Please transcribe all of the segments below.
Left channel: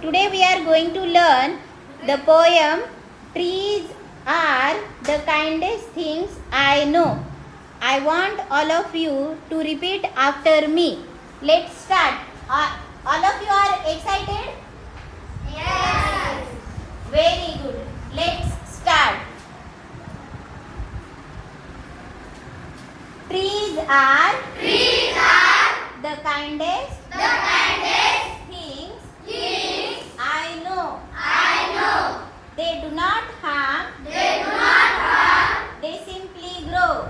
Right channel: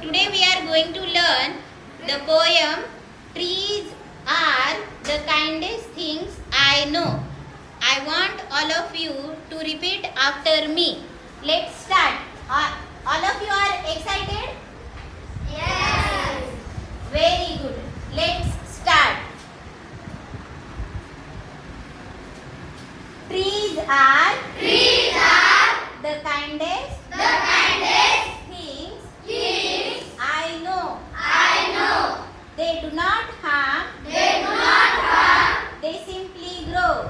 Today we are going to learn the poem Trees are the kindest things I know. I want all of you to repeat after me. Let's start. All of you are excited? Yes. Very good. Let's start. Trees are the kindest things I know. They do not harm. They simply grow.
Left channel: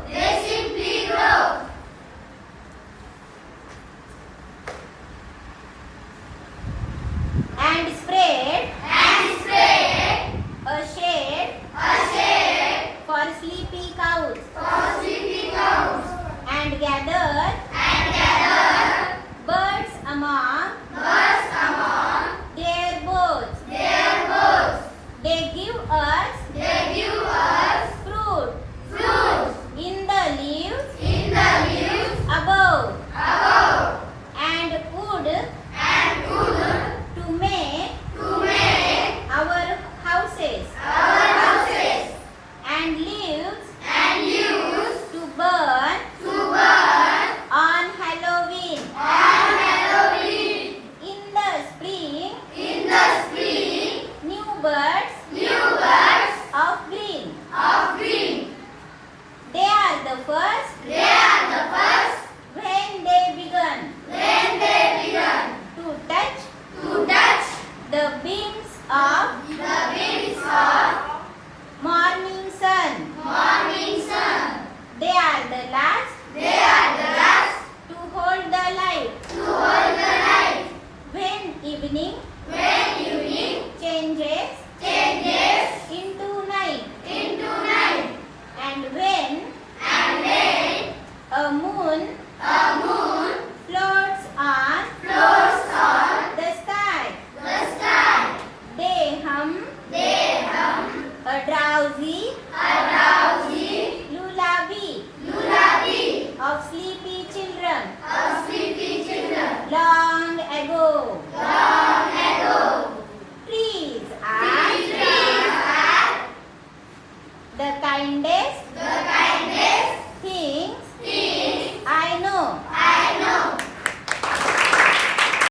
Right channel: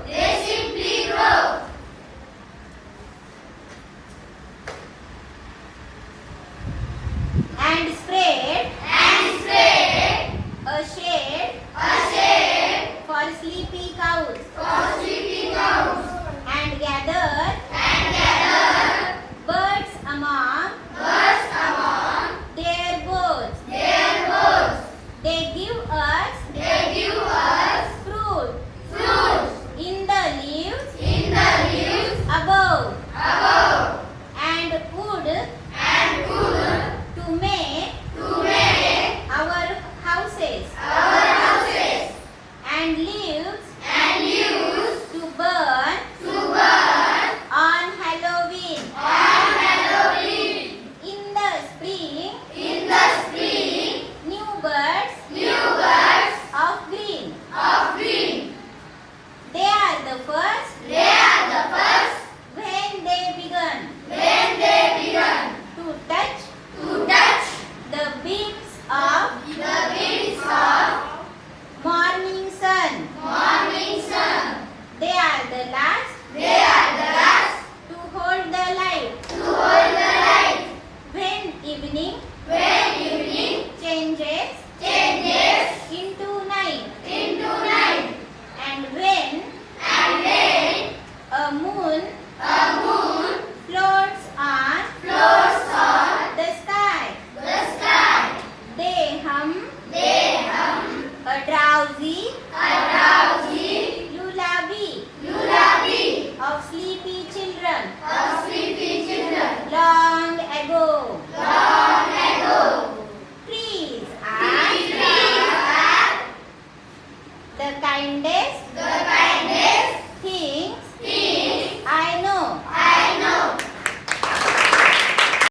And spread a shade for sleepy cows. And gather birds among their boughs. They give us fruit in the leaves above. And wood to make our houses. And leaves to burn on Halloween. In the spring, new birds of green. They are the first when they begun to touch the beams of morning sun. They are the last to hold the light. When evening changes